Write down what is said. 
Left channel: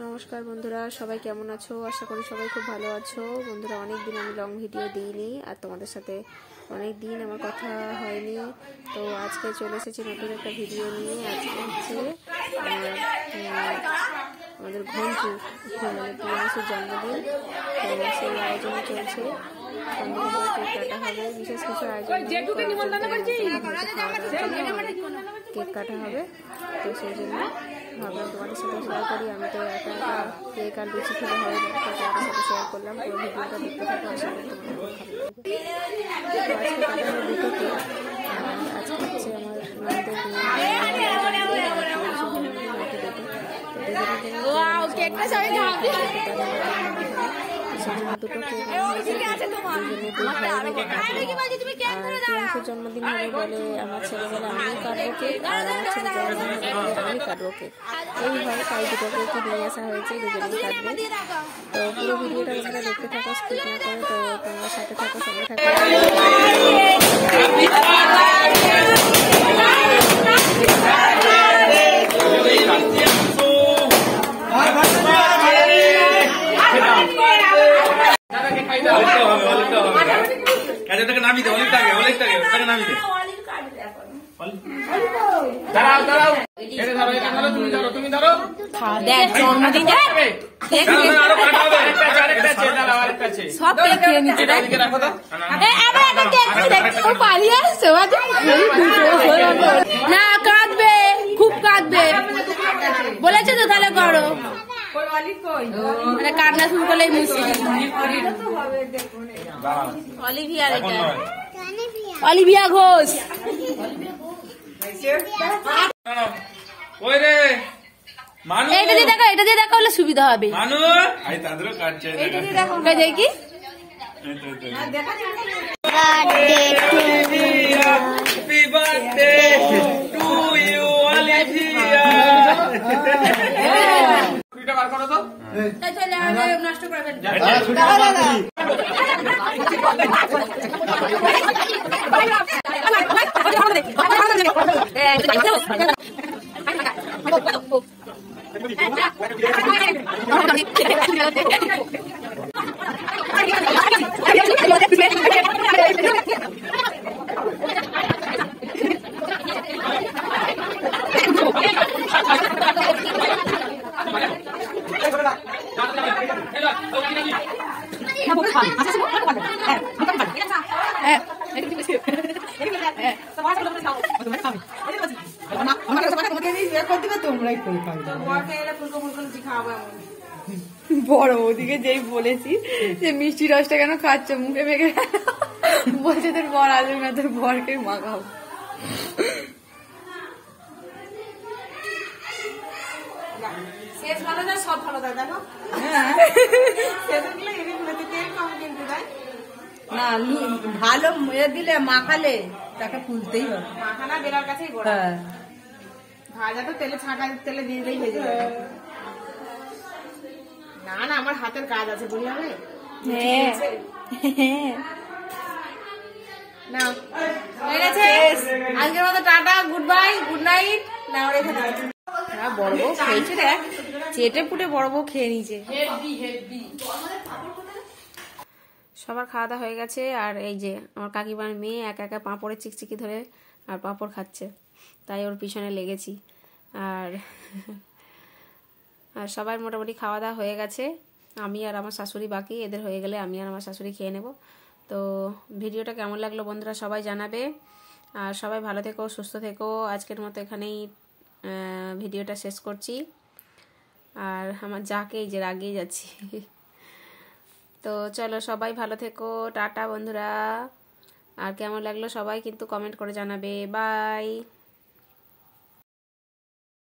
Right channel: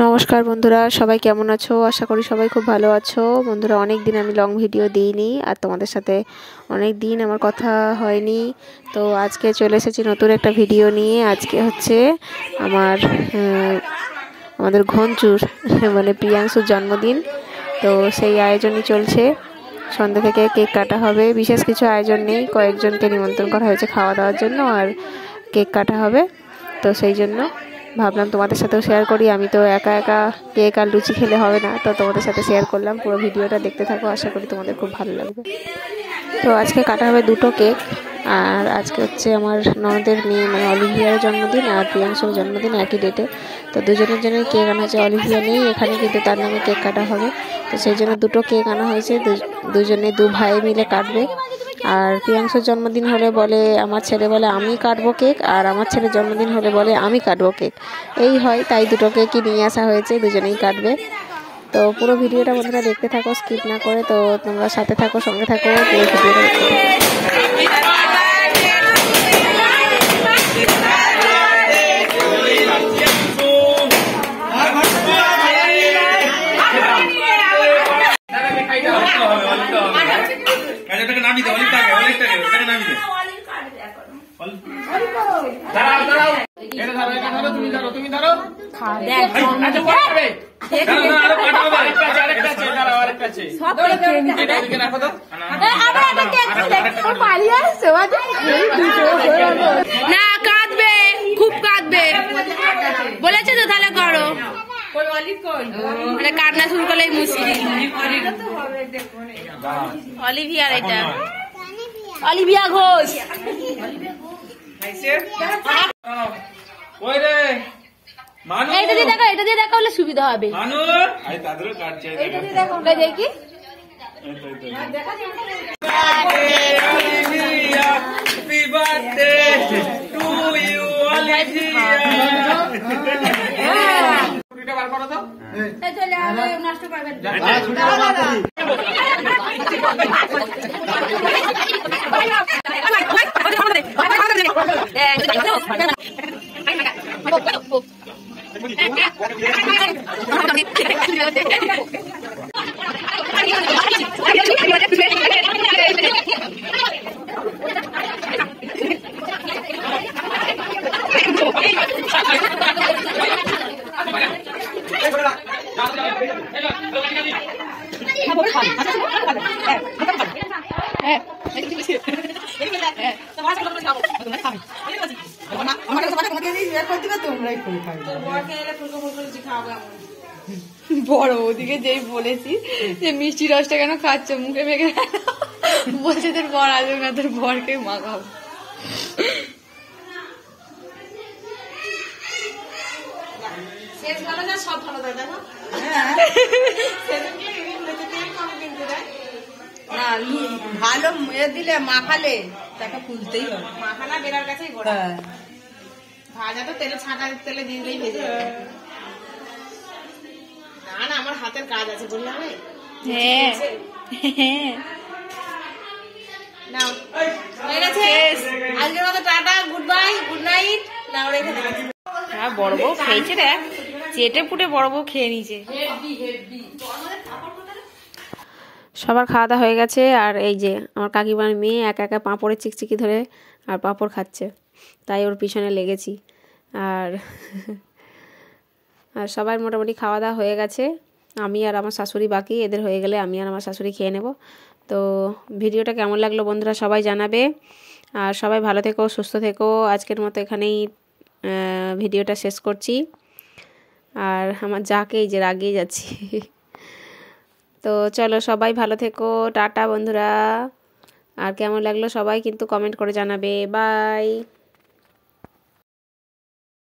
নমস্কার বন্ধুরা, সবাই কেমন আছো? আশা করি সবাই খুব ভালো আছো। বন্ধুরা, অনেক দিন আমি লং ভিডিও দিইনি আর তোমাদের সাথে অনেক দিন আমার কথা হয়নি। তো আজকে চলে এসেছি নতুন একটা ভিডিও নিয়ে। আজকে হচ্ছে আমাদের ঘঞ্চুর মানে প্রিয়াংশুর জন্মদিন। তো সেই আয়োজনই চলছে। সন্ধ্যা থেকে কেক কাটা হবে। বিশেষ কিছু আয়োজন নেই, কয়েকজনকে নিমন্ত্রণ করা হয়েছে খাওয়া দাওয়ার জন্য, আর কেক কাটা হবে। তো সেই জন্য ভাবলাম তোমাদের সাথেও শেয়ার করি। আমি তো একা একা কেক আর লুচি খেলে হবে না, তো তোমাদের সাথে শেয়ার করলাম। পুরো ভিডিওটা দেখতে থাকো, আশা করি তোমাদের খুব ভালো লাগবে। তো আজকে কাটা হবে দুটো কেক। আর আজকে হচ্ছে আমার ননদের মেয়ে মানে অলিভিয়ার জন্মদিন আর প্রিয়াংশুর জন্মদিন একই ডেটে। তো দুজনের জন্য কেক আনা হয়েছে। অলিভিয়া নেই এখানে, কিন্তু তার নামে কেক কাটা হবে। তো সেই জন্য দুটো কেক আনা হয়েছে, দুজনে দু ভাই মিলে কাটবে। আর প্রিয়াংশুর জন্মদিন হলে বলে আমার ছেলে বলে আমি কাটবো কেক, আর আমার ছেলের জন্মদিন হলে বলে আমি কাটবো কেক। এই হয়, তাই দুটো কেকই নিয়ে আসা হয়েছে, দুজনেই কাটবে। তো পুরো ভিডিওটা বন্ধুরা দেখতে থাকো, স্কিপ না করে। তো তোমরা সাথে থাকো, সঙ্গে থাকো। না কাঁদবে, খুব কাঁদবে বলেছে তো, তাহলে করো। মানে কান্না শুরু করলেই মুশকিল। অলিভিয়ার, এটা অলিভিয়া ঘোষ। এটা দিয়ে দেখা হলে সুবিধা হবে। দেখি নষ্ট করবেন। বড় ওদিকে যেই বলেছি যে মিষ্টি রসটা কেন খাচ্ছ মুখে মেখে, বলছে তোর বর আসবে না, তোর বরকে মাখাবো। সব ভালো দেখো ভালো দিলে মাখালে তাকে খুঁজতেই হবে। মাখানা বেড়ার কাছেই ভাজা তো তেলে ছাঁকা তেলে দিয়ে দিলেই ভেজে যাবে। না না, আমার হাতের কাজ আছে, বললে হবে। নাও, হয়ে গেছে আজকের মতো। Tata, good bye, good night. না রেখে দেবে। হ্যাঁ, বড় বউ খেয়েছে, দেখ চেটে পুটে বড় বউ খেয়ে নিয়েছে। সবার খাওয়া দাওয়া হয়ে গেছে। আর এই যে আমার কাকিমার মেয়ে একা একা পাঁপড়ের চিকচিকি ধরে আর পাঁপড় খাচ্ছে, তাই ওর পিছনে লেগেছি। আর আর সবার মোটামুটি খাওয়া দাওয়া হয়ে গেছে। আমি আর আমার শাশুড়ি বাকি, এদের হয়ে গেলে আমি আর আমার শাশুড়ি খেয়ে নেব। তো ভিডিওটা কেমন লাগলো বন্ধুরা সবাই জানাবে। আর সবাই ভালো থেকো, সুস্থ থেকো। আজকের মতো এখানেই ভিডিওটা শেষ করছি। আর আমার যাকে এই যে রাগিয়ে যাচ্ছি। তো চলো, সবাই ভালো থেকো, টাটা বন্ধুরা। আর কেমন লাগলো সবাই কিন্তু কমেন্ট করে জানাবে। বাই।